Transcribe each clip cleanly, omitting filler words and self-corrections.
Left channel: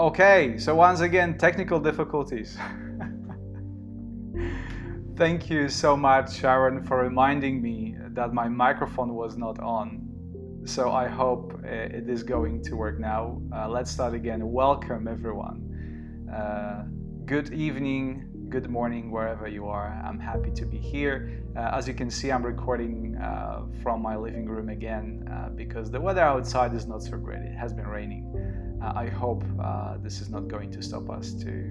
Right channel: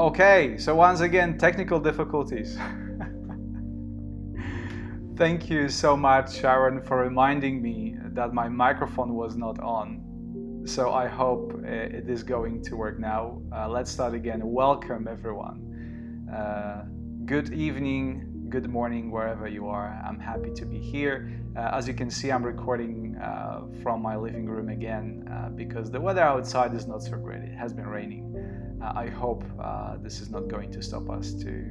Okay, so once again, technical difficulties. Thank you so much, Sharon, for reminding me that my microphone was not on. So I hope it is going to work now. Let's start again. Welcome, everyone. Good evening, good morning, wherever you are. I'm happy to be here. As you can see, I'm recording from my living room again because the weather outside is not so great. It has been raining. I hope this is not going to stop us to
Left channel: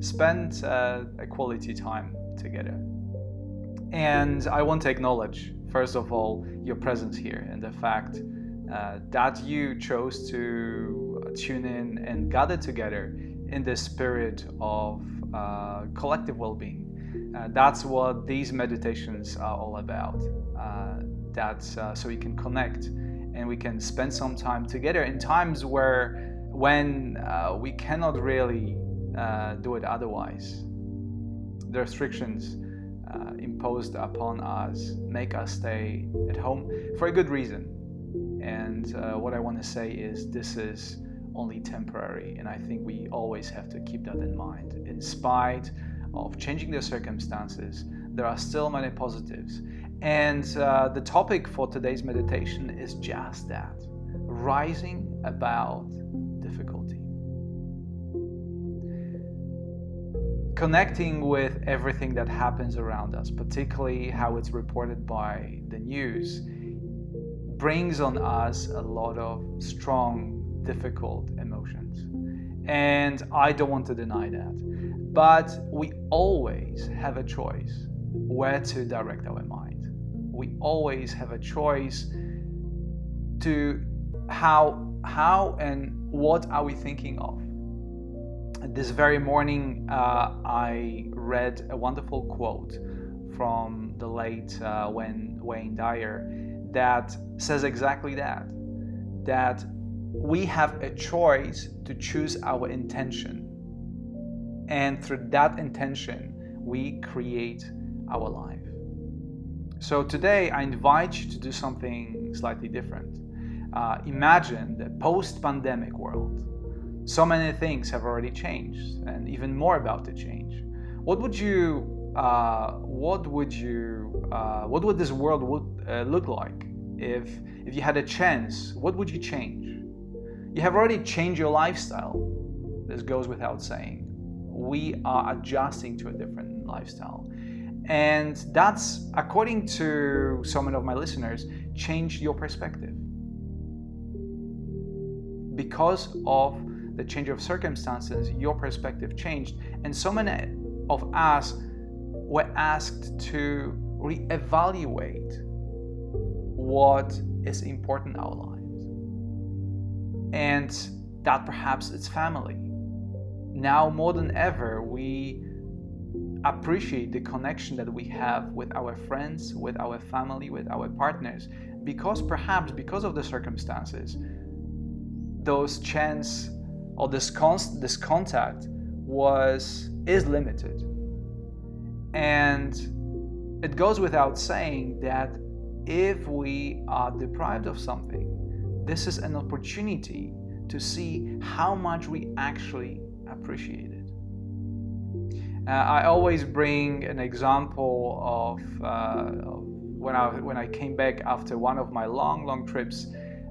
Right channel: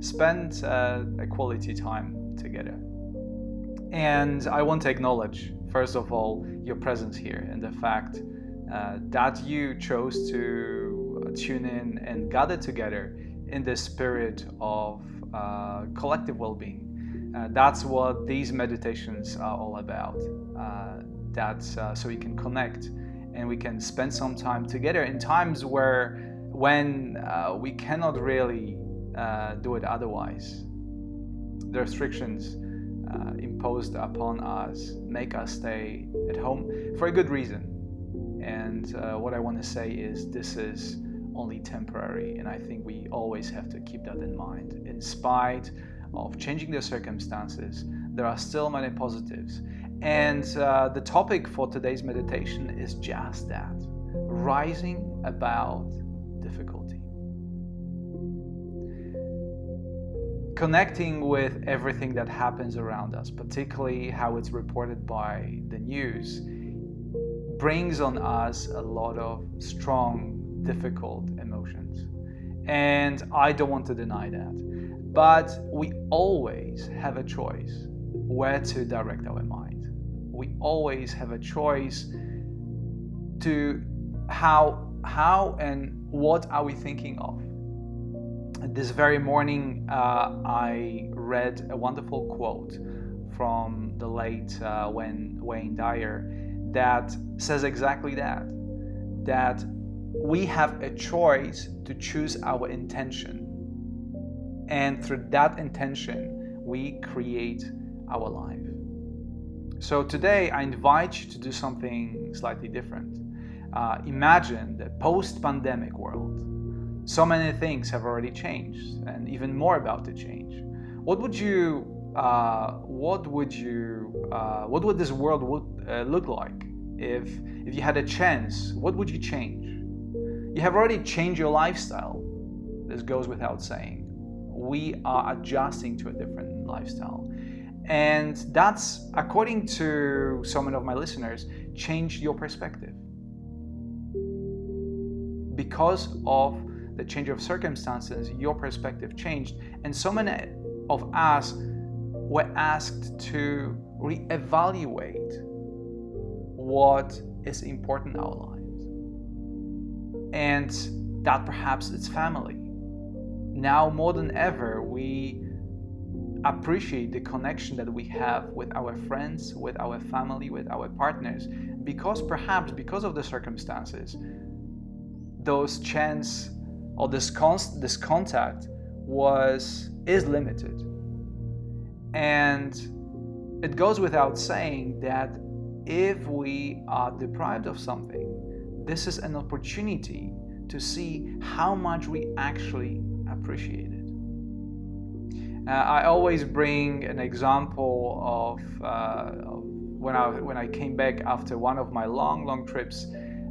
spend a quality time together. And I want to acknowledge, first of all, your presence here and the fact that you chose to tune in and gather together in the spirit of collective well-being. That's what these meditations are all about. So we can connect and we can spend some time together in times when we cannot really do it otherwise. The restrictions imposed upon us make us stay at home for a good reason. And what I want to say is this is only temporary, and I think we always have to keep that in mind. In spite of changing the circumstances, there are still many positives. And the topic for today's meditation is just that: rising above difficulty. Connecting with everything that happens around us, particularly how it's reported by the news, brings on us a lot of strong, difficult emotions. And I don't want to deny that. But we always have a choice where to direct our mind. We always have a choice to how and what are we thinking of. This very morning, I read a wonderful quote from the late Wayne Dyer that says exactly that we have a choice to choose our intention, and through that intention, we create our life. So today, I invite you to do something slightly different. Imagine the post-pandemic world. So many things have already changed, and even more about to change. What would this world look like if you had a chance? What would you change? You have already changed your lifestyle. This goes without saying. We are adjusting to a different lifestyle, and that's, according to so many of my listeners, changed your perspective because of the change of circumstances. Your perspective changed, and so many of us were asked to reevaluate what is important in our lives, and that perhaps it's family. Now more than ever, we appreciate the connection that we have with our friends, with our family, with our partners, because of the circumstances, those chance or this contact is limited. And it goes without saying that if we are deprived of something, this is an opportunity to see how much we actually appreciate it. I always bring an example of when I came back after one of my long trips.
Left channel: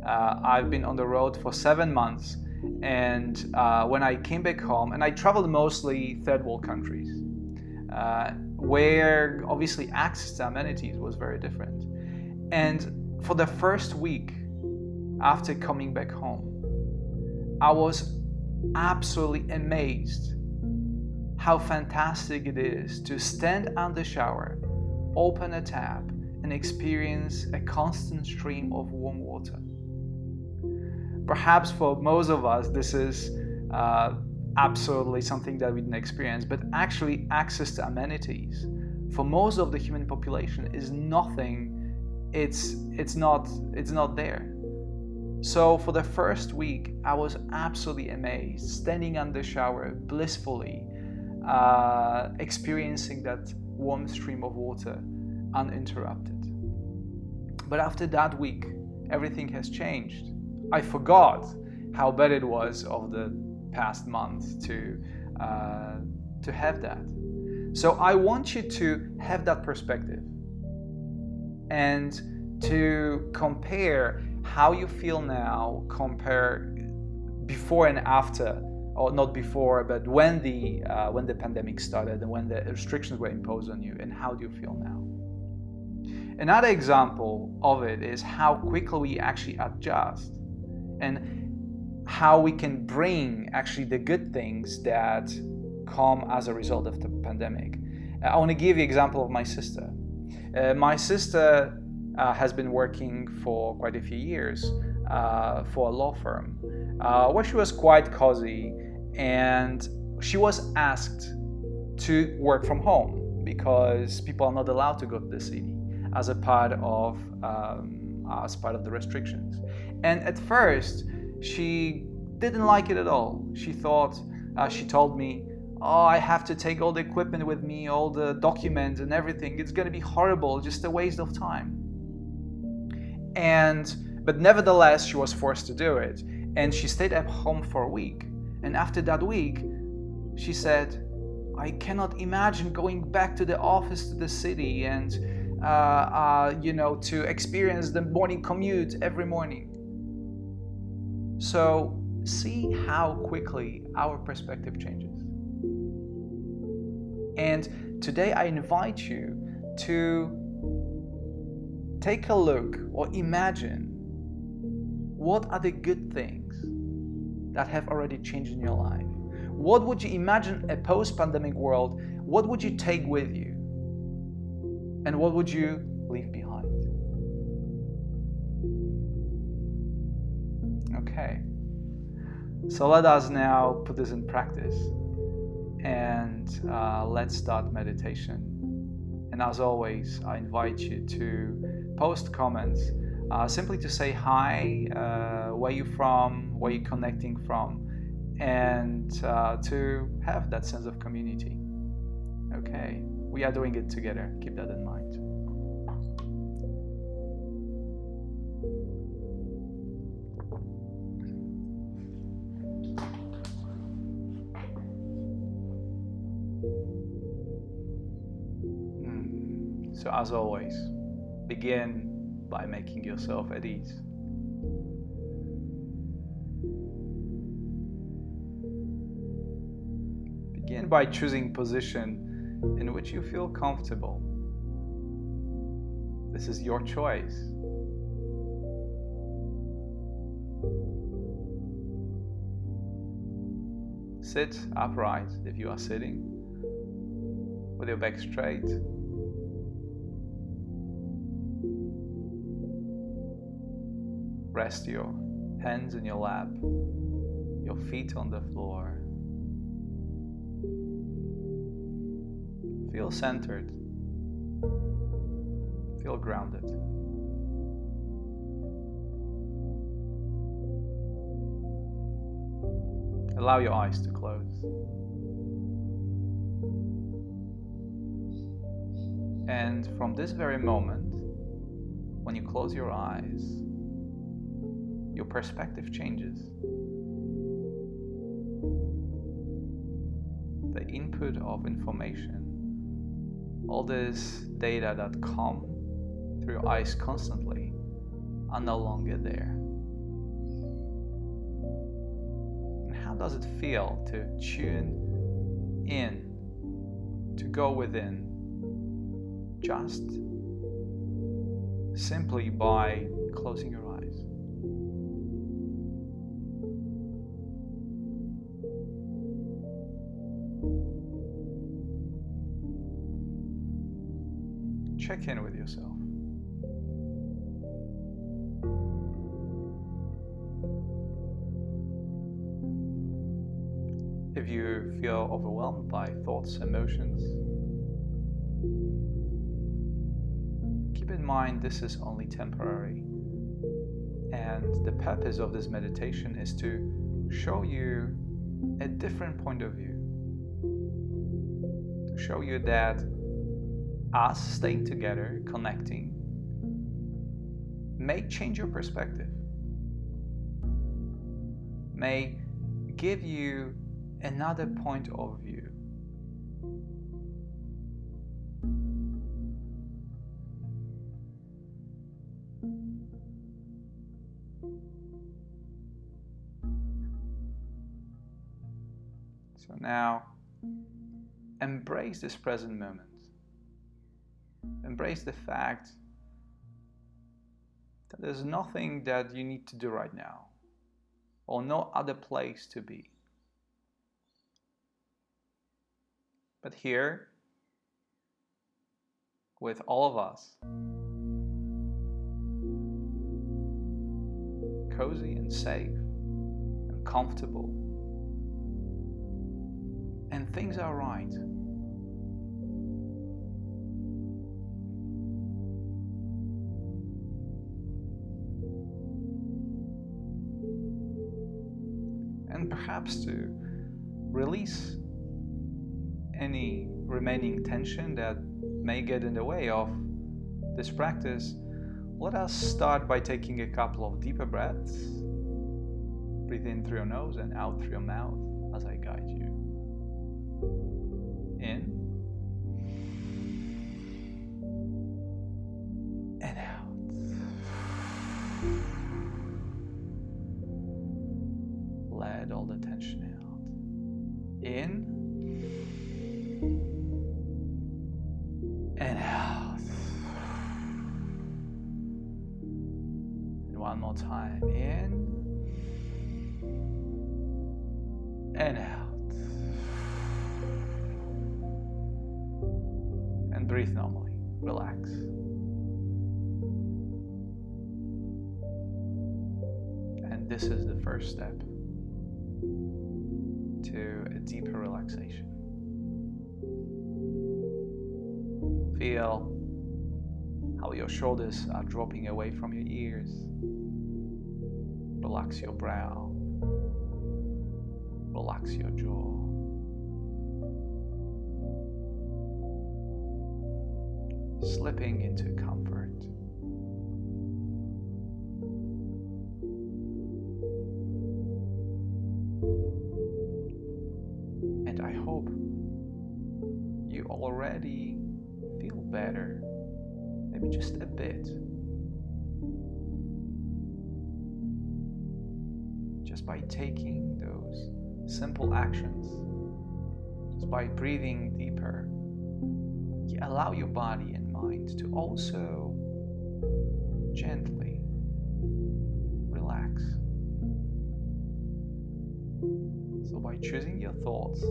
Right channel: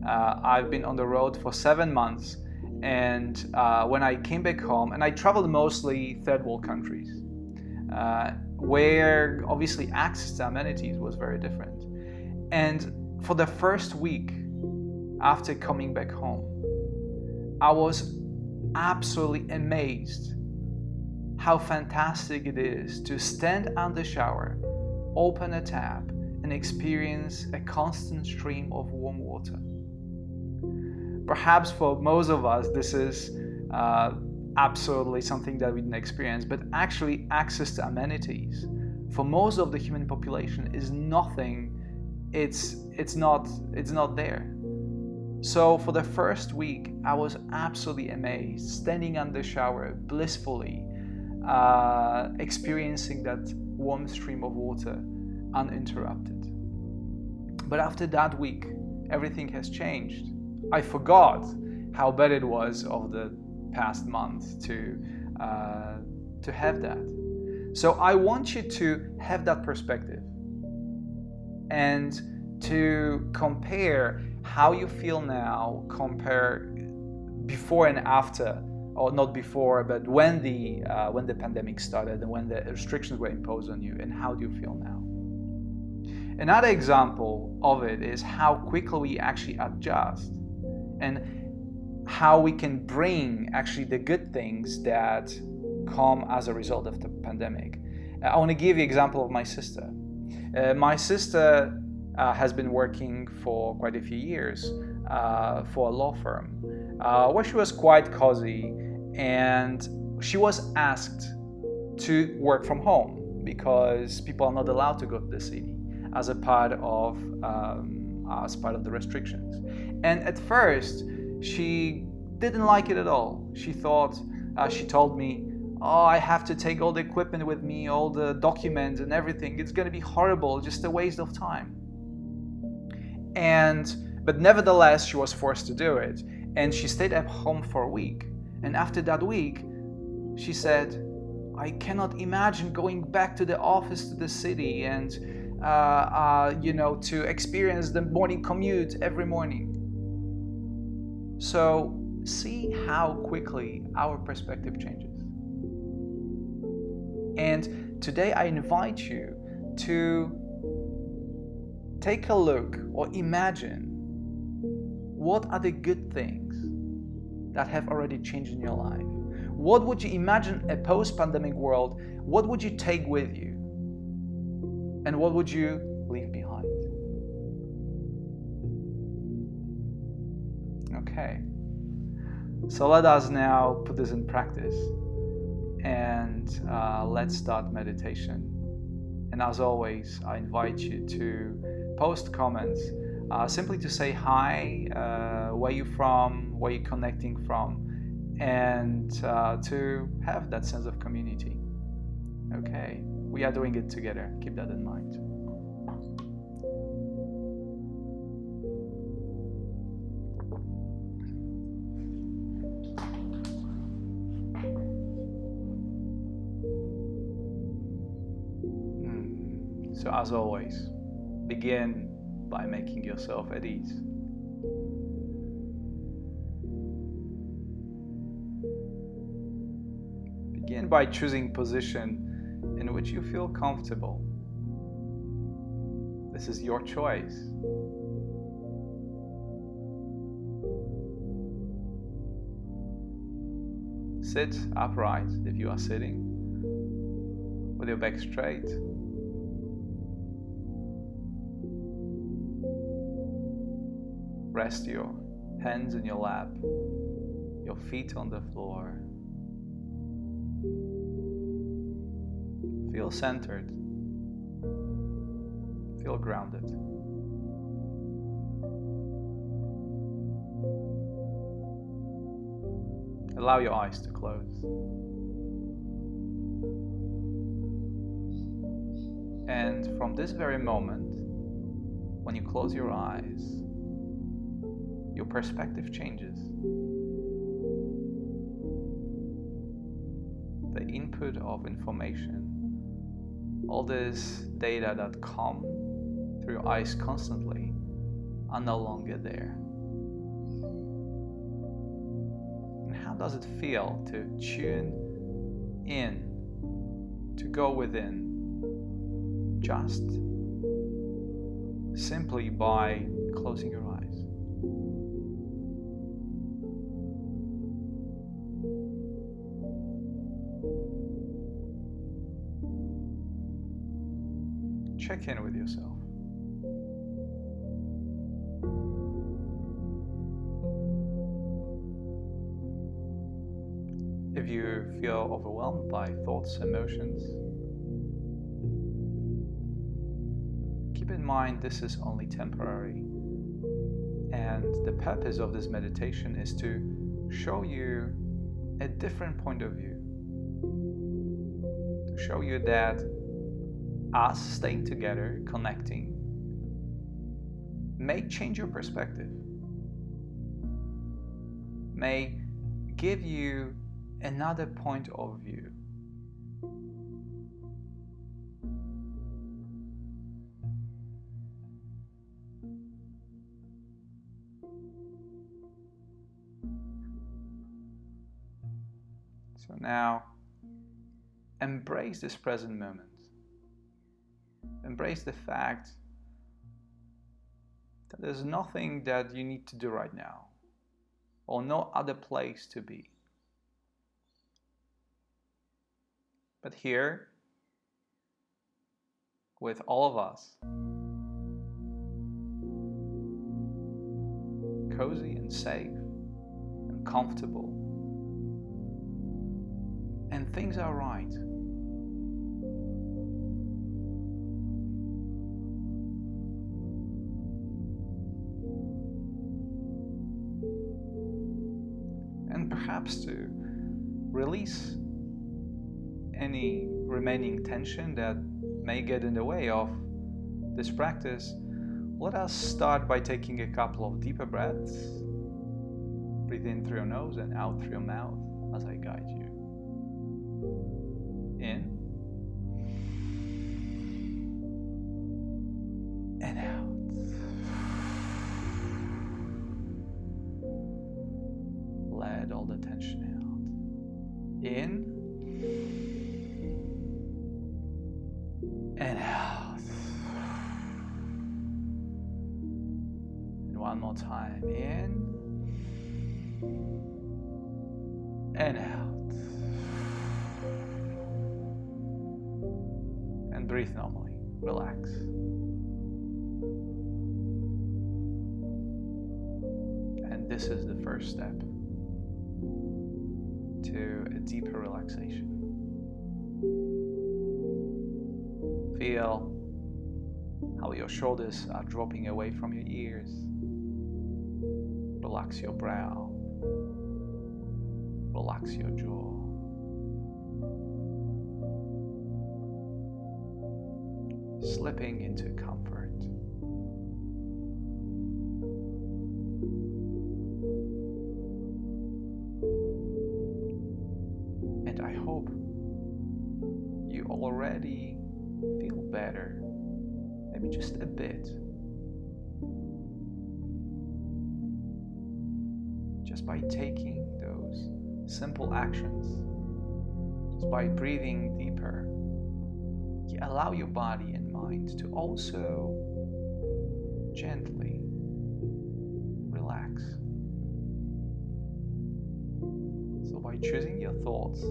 I've been on the road for 7 months. And when I came back home, and I traveled mostly third world countries, where obviously access to amenities was very different. And for the first week after coming back home, I was absolutely amazed how fantastic it is to stand under the shower, open a tap, and experience a constant stream of warm water. Perhaps for most of us, this is absolutely something that we didn't experience, but actually access to amenities for most of the human population is nothing. It's not there. So for the first week, I was absolutely amazed, standing under the shower, blissfully experiencing that warm stream of water uninterrupted. But after that week, everything has changed. I forgot how bad it was of the past month to have that. So I want you to have that perspective and to compare how you feel now, compare before and after, or not before, but when the pandemic started and when the restrictions were imposed on you, and how do you feel now? Another example of it is how quickly we actually adjust and how we can bring actually the good things that come as a result of the pandemic. I want to give you an example of my sister. My sister has been working for quite a few years for a law firm where she was quite cozy, and she was asked to work from home because people are not allowed to go to the city as a part of the restrictions. And at first, she didn't like it at all. She thought, she told me, "Oh, I have to take all the equipment with me, all the documents and everything. It's going to be horrible, just a waste of time." But nevertheless, she was forced to do it. And she stayed at home for a week. And after that week, she said, "I cannot imagine going back to the office, to the city, and to experience the morning commute every morning." So see how quickly our perspective changes. And today I invite you to take a look or imagine what are the good things that have already changed in your life. What would you imagine a post-pandemic world? What would you take with you? And what would you leave behind? Okay. So let us now put this in practice, and let's start meditation. And as always, I invite you to post comments, simply to say hi, where you're from, where you're connecting from, and to have that sense of community. Okay, we are doing it together. Keep that in mind. So as always, begin by making yourself at ease. Begin by choosing position in which you feel comfortable. This is your choice. Sit upright if you are sitting, with your back straight. Rest your hands in your lap, your feet on the floor. Feel centered. Feel grounded. Allow your eyes to close. And from this very moment, when you close your eyes, your perspective changes. The input of information, all this data that come through your eyes constantly, are no longer there. And how does it feel to tune in, to go within, just simply by closing your eyes? Check in with yourself. If you feel overwhelmed by thoughts, emotions, keep in mind this is only temporary. And the purpose of this meditation is to show you a different point of view. To show you that us staying together, connecting, may change your perspective, may give you another point of view. So now, embrace this present moment. Embrace the fact that there's nothing that you need to do right now, or no other place to be. But here, with all of us, cozy and safe and comfortable, and things are right. And perhaps to release any remaining tension that may get in the way of this practice, let us start by taking a couple of deeper breaths. Breathe in through your nose and out through your mouth as I guide you. In and out. Let all the tension out. In and out. And one more time. In and out. And breathe normally. Relax. And this is the first step to a deeper relaxation. Feel how your shoulders are dropping away from your ears. Relax your brow. Relax your jaw. Slipping into comfort. And I hope you already feel better, maybe just a bit. Just by taking those simple actions, just by breathing deeper, you allow your body and mind to also gently relax. So by choosing your thoughts,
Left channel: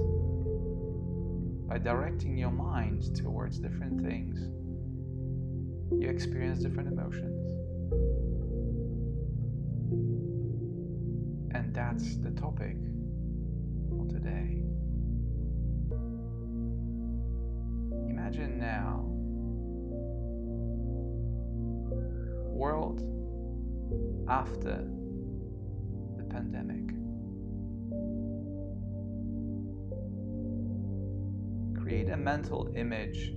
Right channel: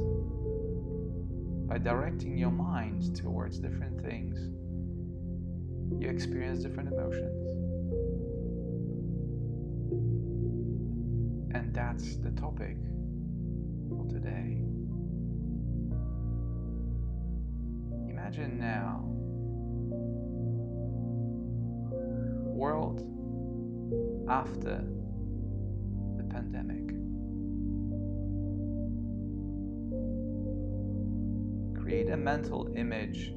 by directing your mind towards different things, you experience different emotions. And that's the topic for today. Imagine now, world after the pandemic. Create a mental image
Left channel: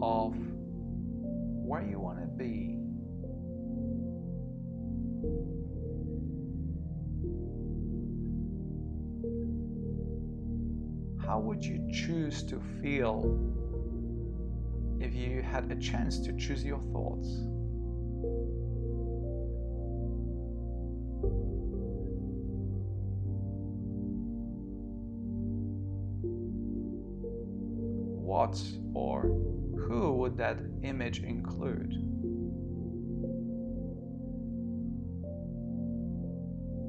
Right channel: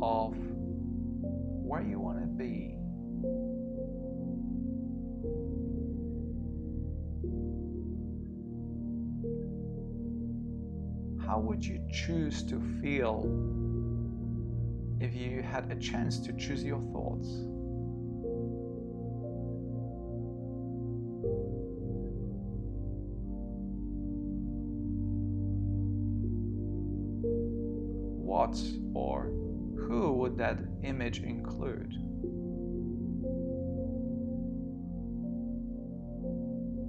of where you want to be. How would you choose to feel if you had a chance to choose your thoughts? What or who would that image include?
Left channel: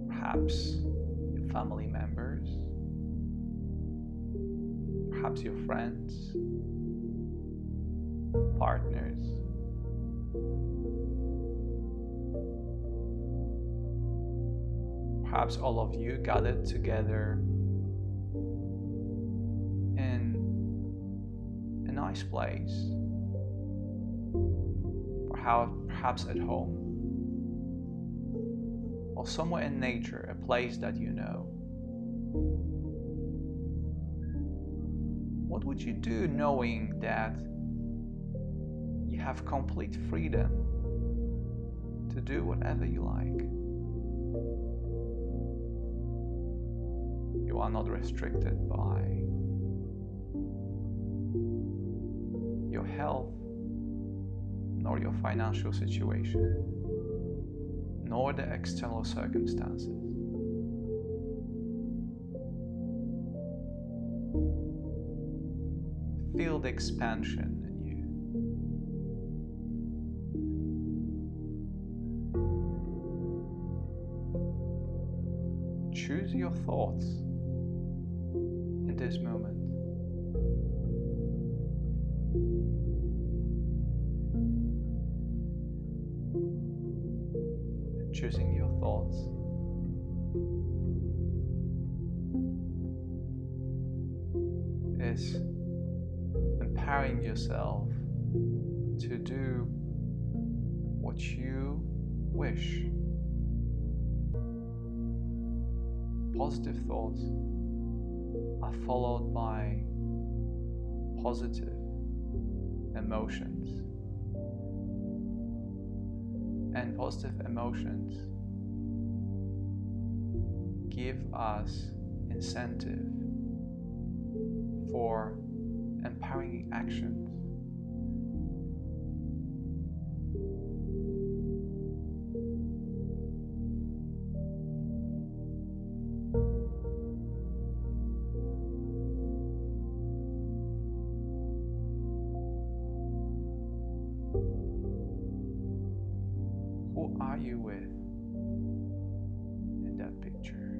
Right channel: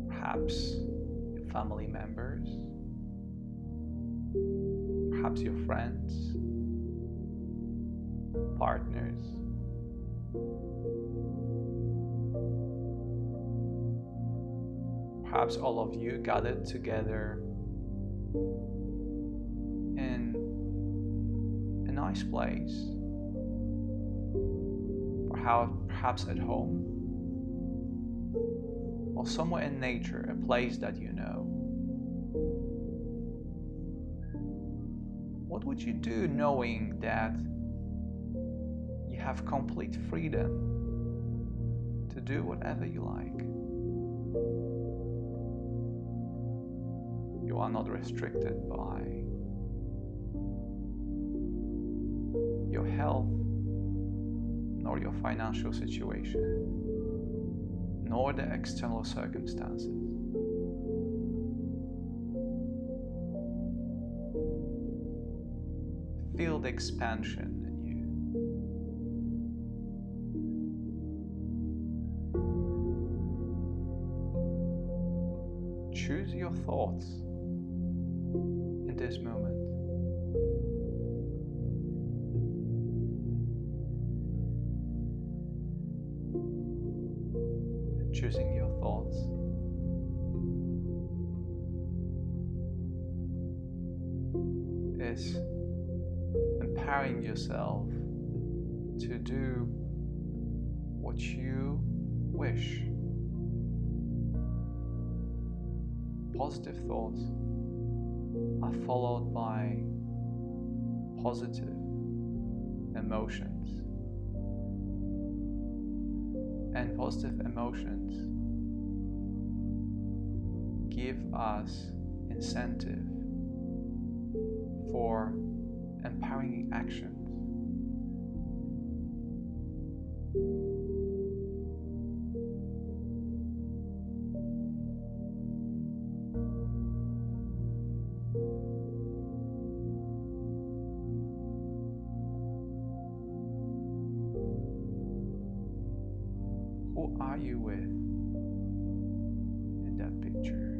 Perhaps your family members, perhaps your friends, partners, perhaps all of you gathered together in a nice place, perhaps at home, or somewhere in nature, a place that you know. What would you do knowing that you have complete freedom to do whatever you like? You are not restricted by your health, nor your financial situation, nor the external circumstances. Feel the expansion in you. Choose your thoughts in this moment. And choosing your thoughts is empowering yourself to do what you wish. Positive thoughts are followed by positive emotions, and positive emotions give us incentive for empowering actions. Who are you with in that picture?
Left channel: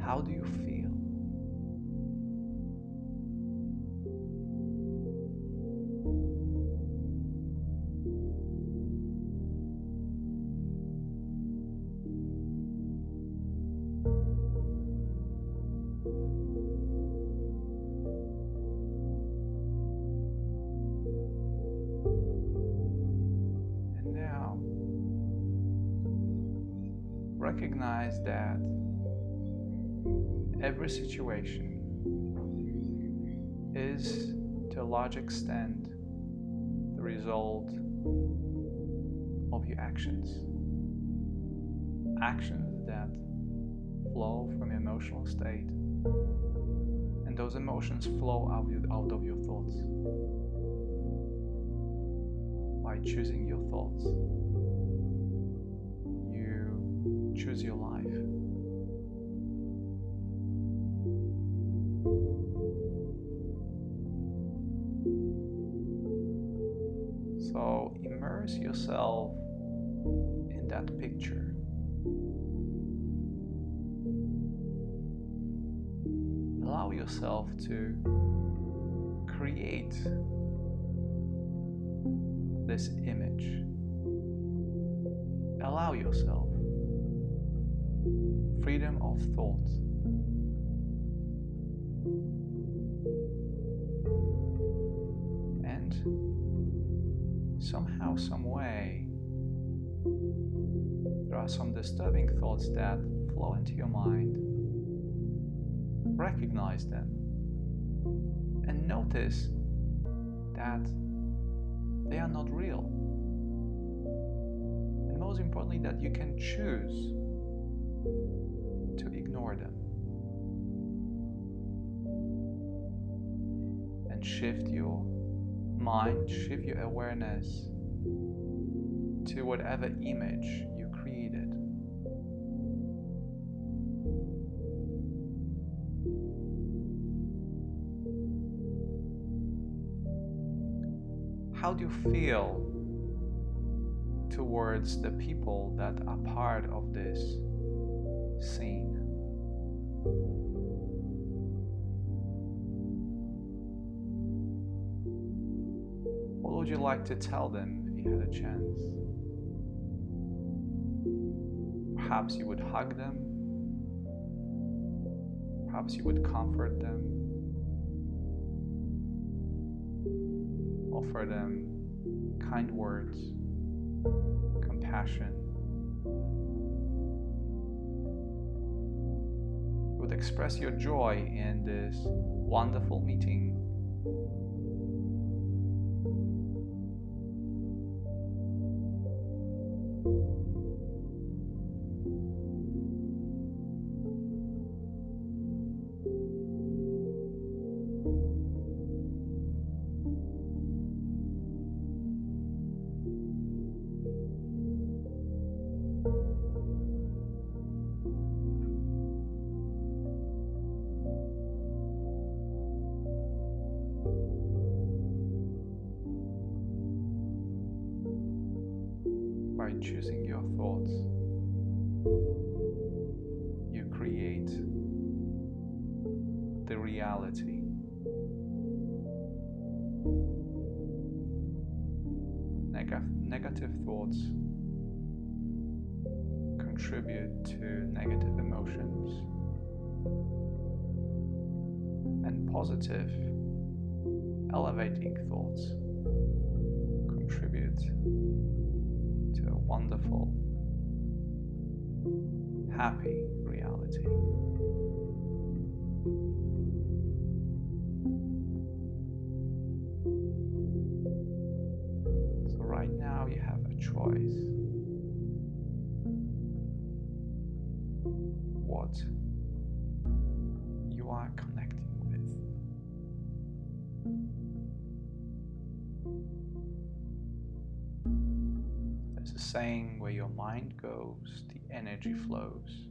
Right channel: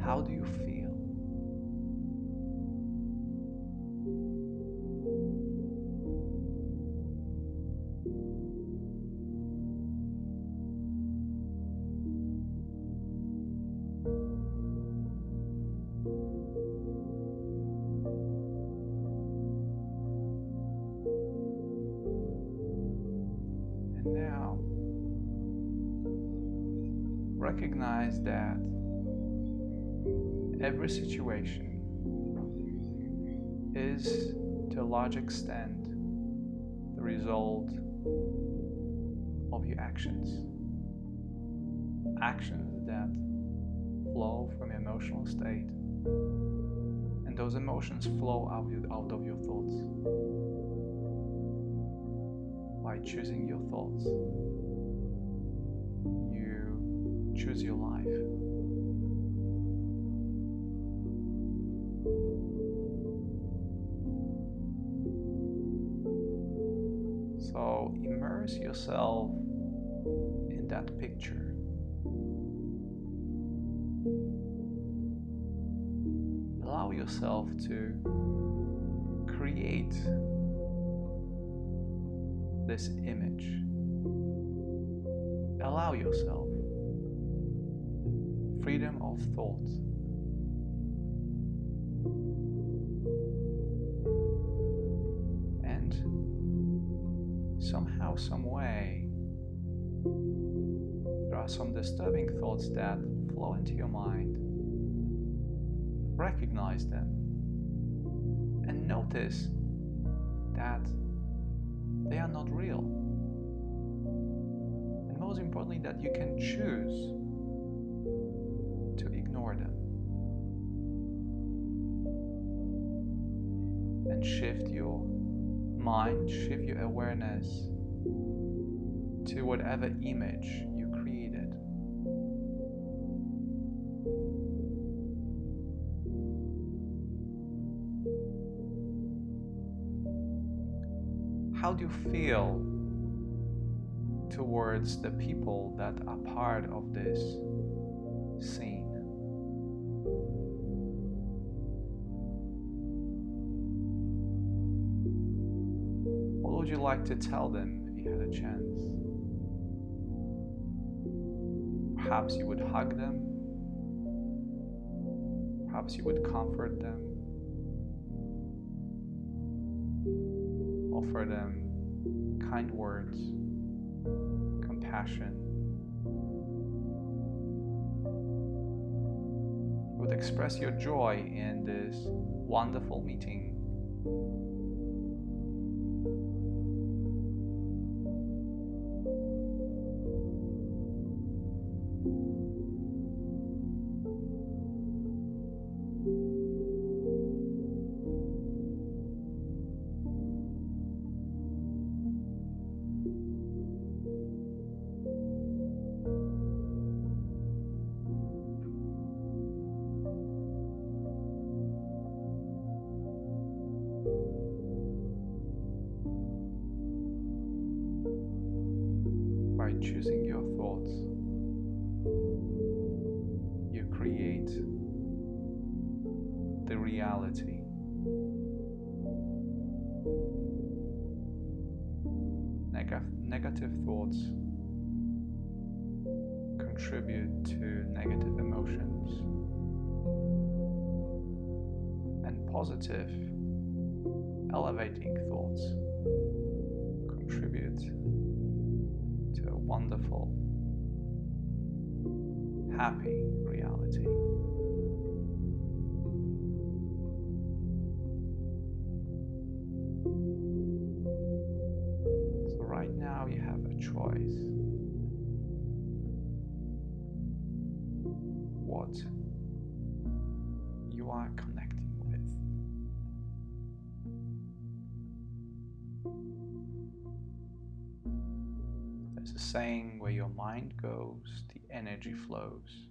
How do you feel? And now, recognize that every situation is, to a large extent, the result of your actions. Actions that flow from your emotional state, and those emotions flow out of your thoughts. By choosing your thoughts, you choose your life. So immerse yourself in that picture. Allow yourself to create this image. Allow yourself freedom of thought. And somehow, some way, there are some disturbing thoughts that flow into your mind. Recognize them and notice that they are not real. And most importantly, that you can choose to ignore them and shift your mind, shift your awareness to whatever image you created. How do you feel towards the people that are part of this scene? What would you like to tell them if you had a chance? Perhaps you would hug them. Perhaps you would comfort them. Offer them kind words, compassion. You would express your joy in this wonderful meeting. choosing your thoughts, you create the reality. Negative thoughts contribute to negative emotions, and positive, elevating thoughts contribute to a wonderful, happy reality. So right now you have a choice. What you are connecting with. There's a saying, where your mind goes, the energy flows.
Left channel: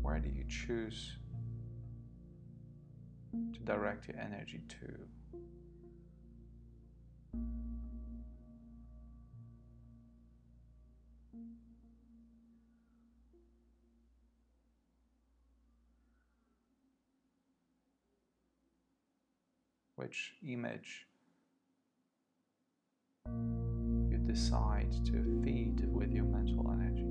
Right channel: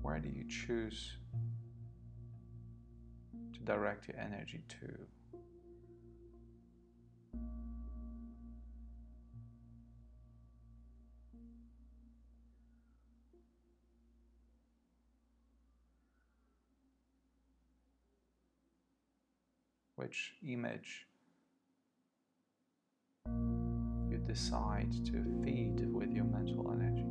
Where do you choose to direct your energy to? Which image you decide to feed with your mental energy?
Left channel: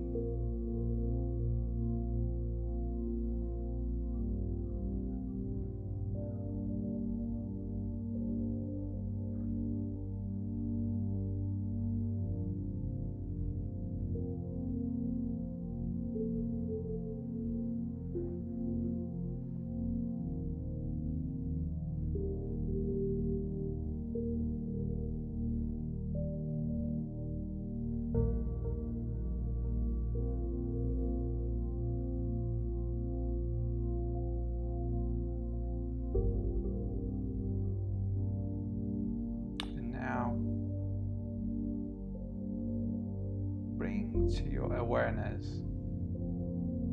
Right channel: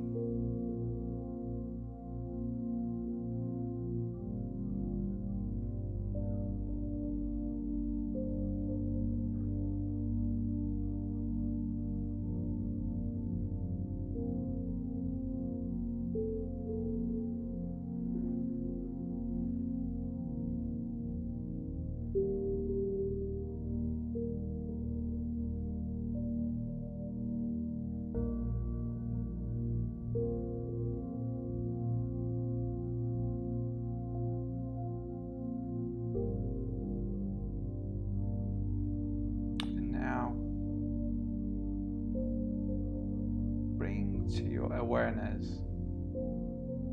Bring to your awareness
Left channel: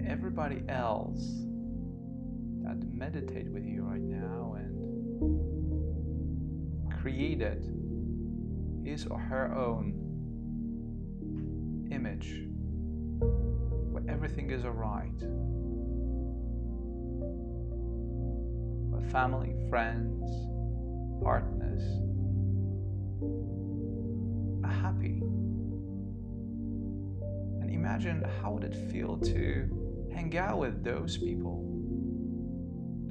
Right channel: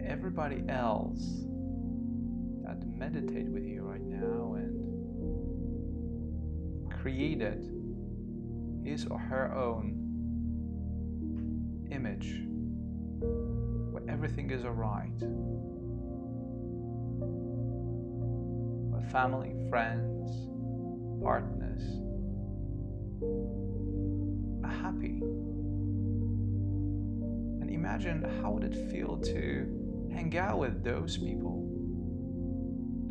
everybody else that meditate with you right now and created his or her own image where everything is alright, where family, friends, partners are happy. And imagine how would it feel to hang out with those people,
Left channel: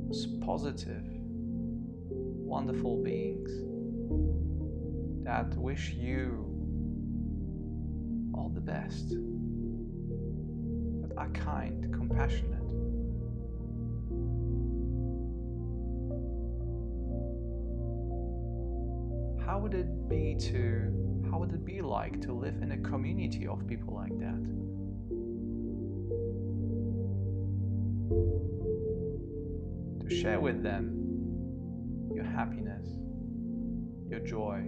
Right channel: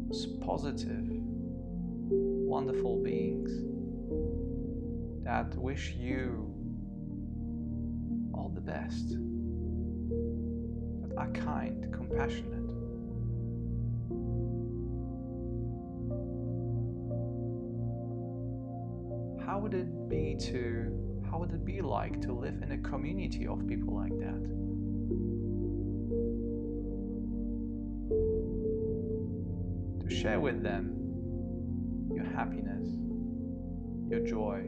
those positive, wonderful beings that wish you all the best, that are kind, compassionate. How would it be like to live in a community of people like that? To share with them your happiness, your joy.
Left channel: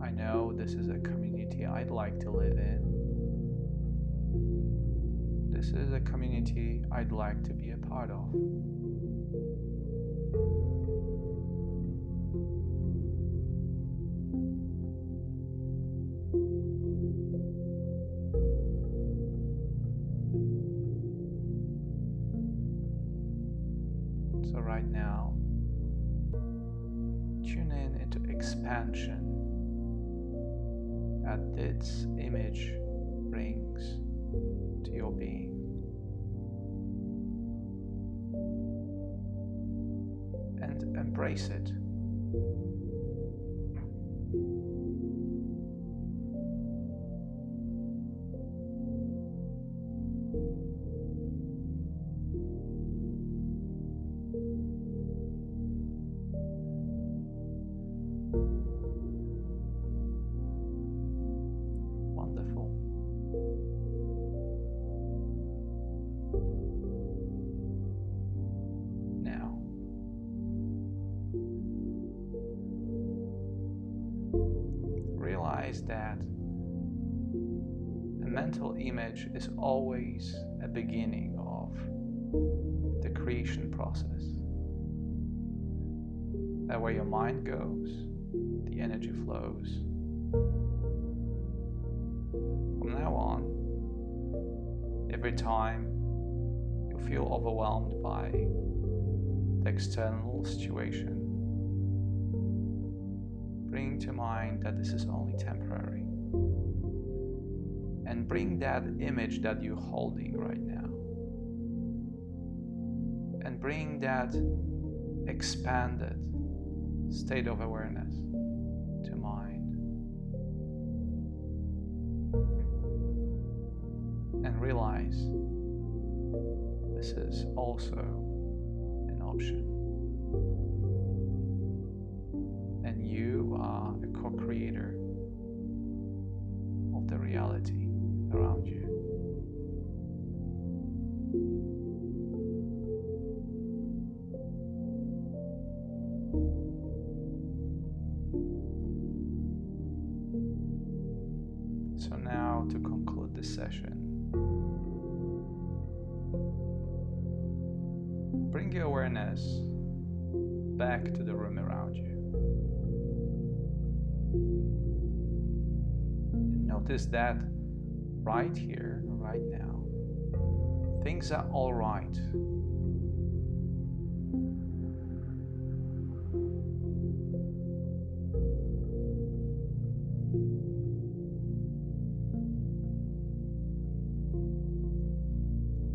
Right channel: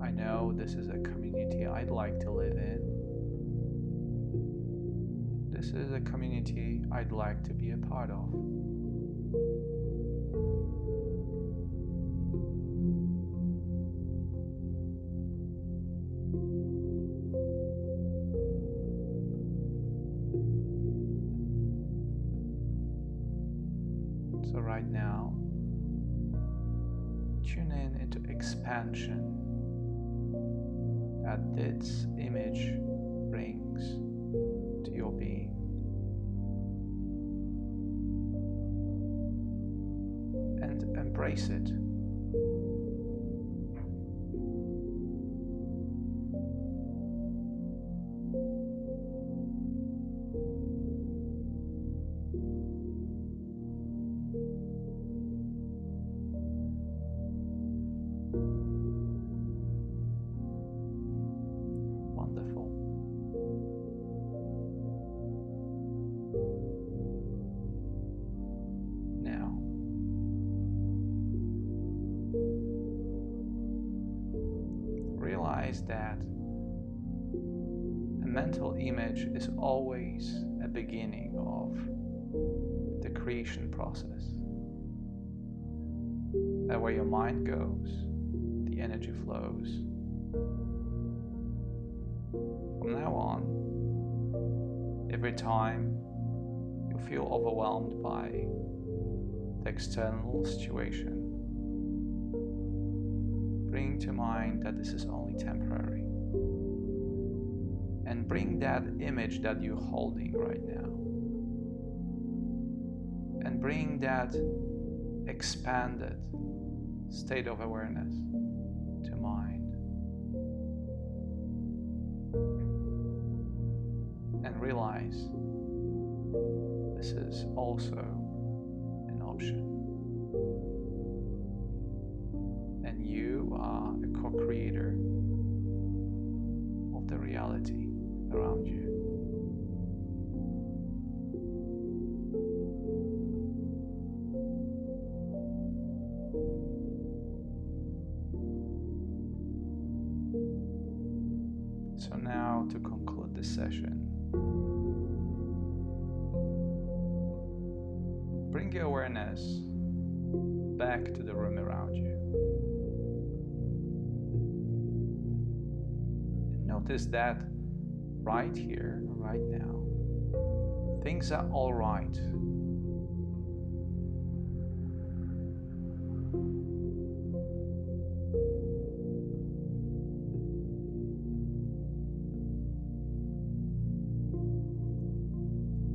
I know this is a community I'd like to live in. This is a community I'd like to be a part of. So right now, tune in into expansion that this image brings to your being. And embrace it. Wonderful. Now, realize that a mental image is always a beginning of the creation process. That where your mind goes, the energy flows. From now on, every time you feel overwhelmed by the external situation, bring to mind that this is only temporary. And bring that image that you're holding right now. And bring that expanded state of awareness to mind. And realize this is also an option. And you are a co-creator of the reality around you. So now, to conclude this session, bring your awareness back to the room around you. And notice that right here, right now, things are all right.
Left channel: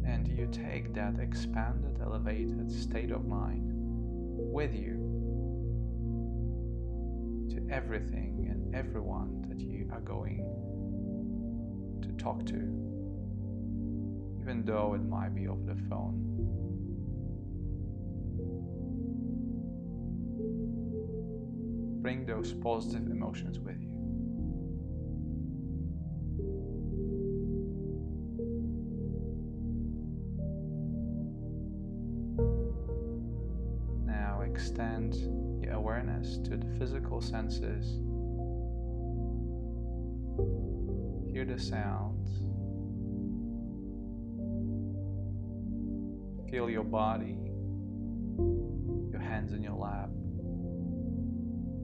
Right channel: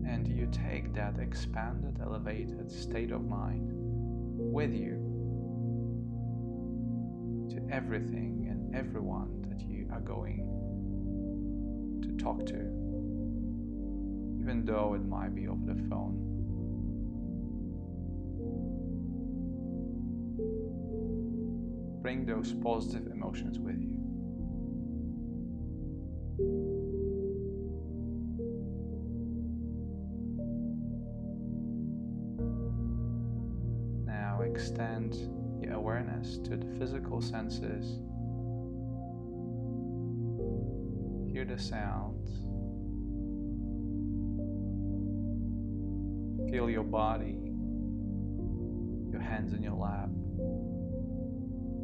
And you take that expanded, elevated state of mind with you to everything and everyone that you are going to talk to, even though it might be over the phone. Bring those positive emotions with you. Now extend your awareness to the physical senses. Hear the sounds. Feel your body, your hands in your lap,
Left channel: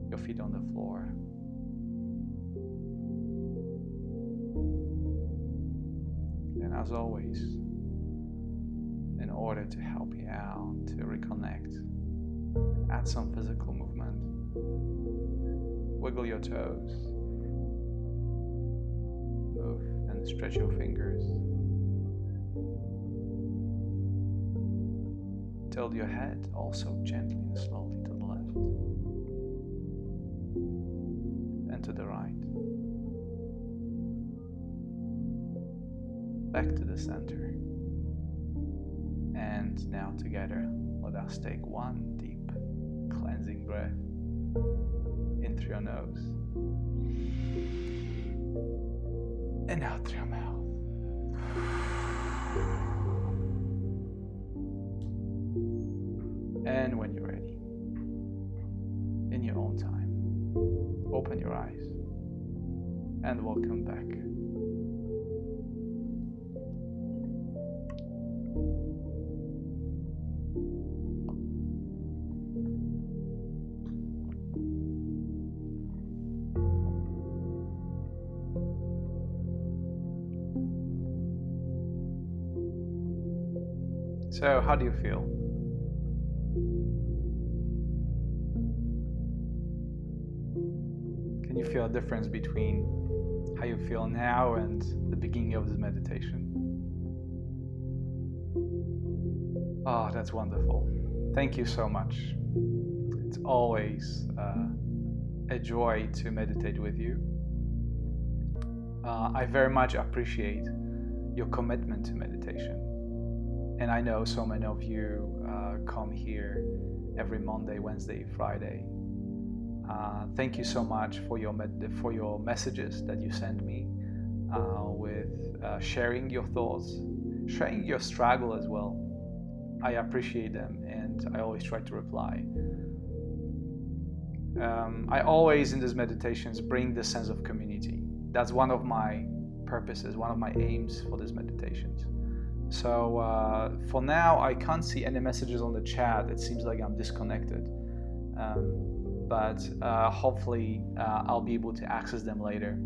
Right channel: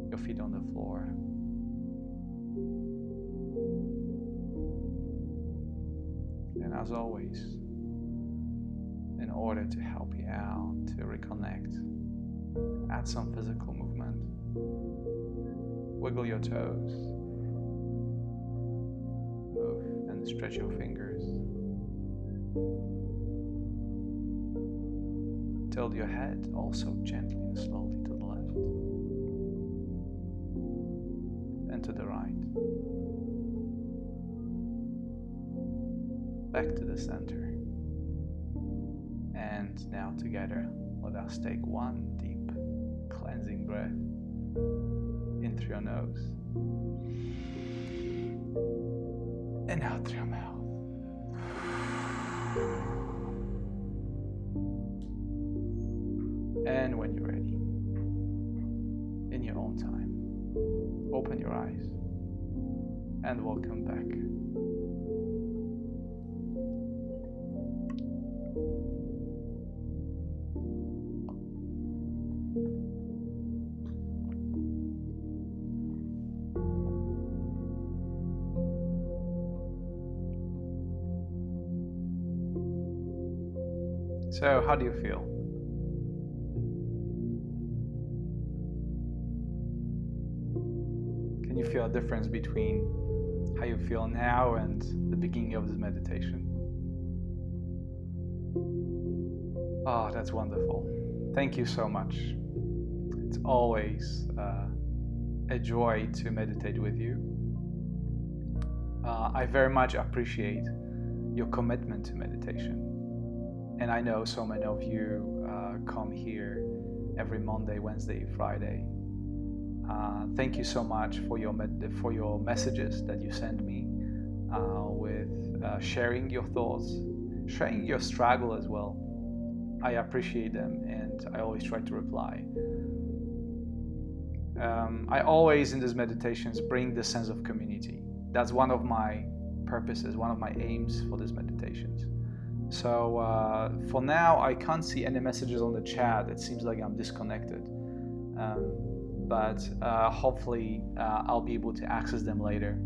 your feet on the floor. And as always, in order to help you out, to reconnect, add some physical movement. Wiggle your toes. Move and stretch your fingers. Tilt your head also gently and slowly to the left and to the right. Back to the center. And now together, let us take one deep cleansing breath in through your nose and out through your mouth. And when you're ready, in your own time, open your eyes and welcome back. So, how do you feel? Can you feel a difference between how you feel now and the beginning of this meditation? Oh, that's wonderful. Thank you so much. It's always a joy to meditate with you. I very much appreciate your commitment to meditation. And I know so many of you come here every Monday, Wednesday, Friday. Thank you so much for your messages that you send me with sharing your thoughts, sharing your struggle as well. I appreciate them and I always try to reply. I always in these meditations bring the sense of community. That's one of my purposes, one of my aims for these meditations. So for now, I can't see any messages on the chat. It seems like I'm disconnected. But hopefully I'll be able to access them later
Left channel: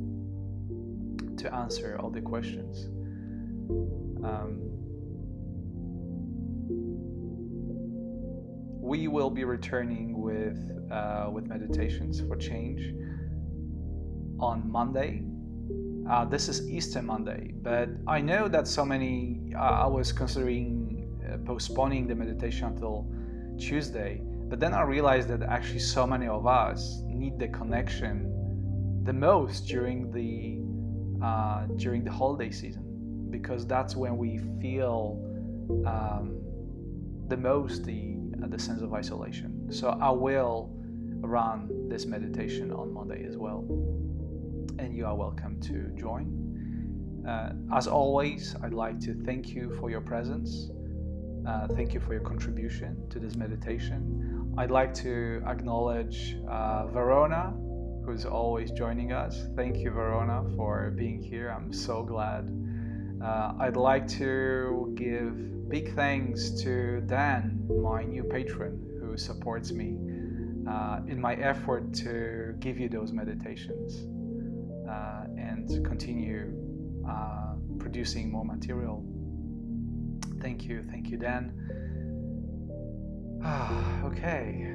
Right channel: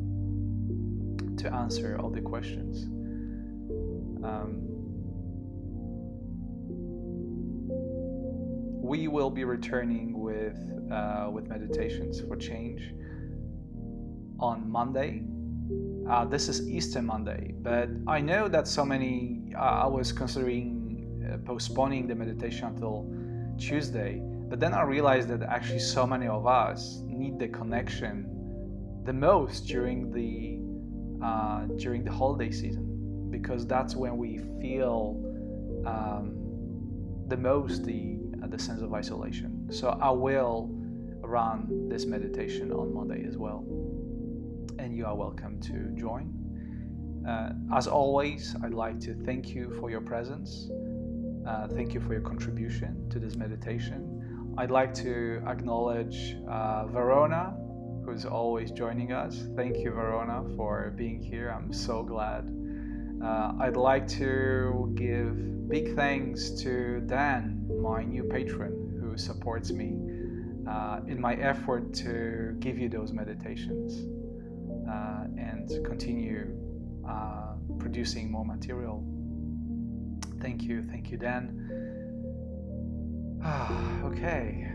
to answer all the questions. We will be returning with meditations for change on Monday. This is Easter Monday, but I know that so many, I was considering postponing the meditation until Tuesday, but then I realized that actually so many of us need the connection the most during the holiday season, because that's when we feel the most the sense of isolation. So I will run this meditation on Monday as well, and you are welcome to join. As always, I'd like to thank you for your presence. Thank you for your contribution to this meditation. I'd like to acknowledge Verona, who's always joining us. Thank you, Verona, for being here. I'm so glad. I'd like to give big thanks to Dan, my new patron, who supports me in my effort to give you those meditations and continue producing more material. Thank you, Dan. Okay,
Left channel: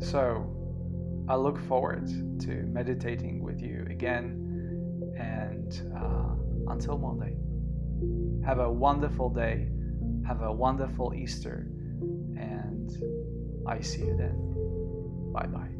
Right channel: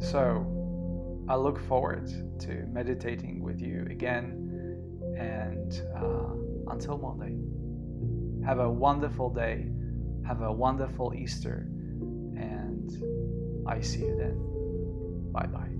so I look forward to meditating with you again, and until Monday, have a wonderful day, have a wonderful Easter, and I see you then. Bye-bye.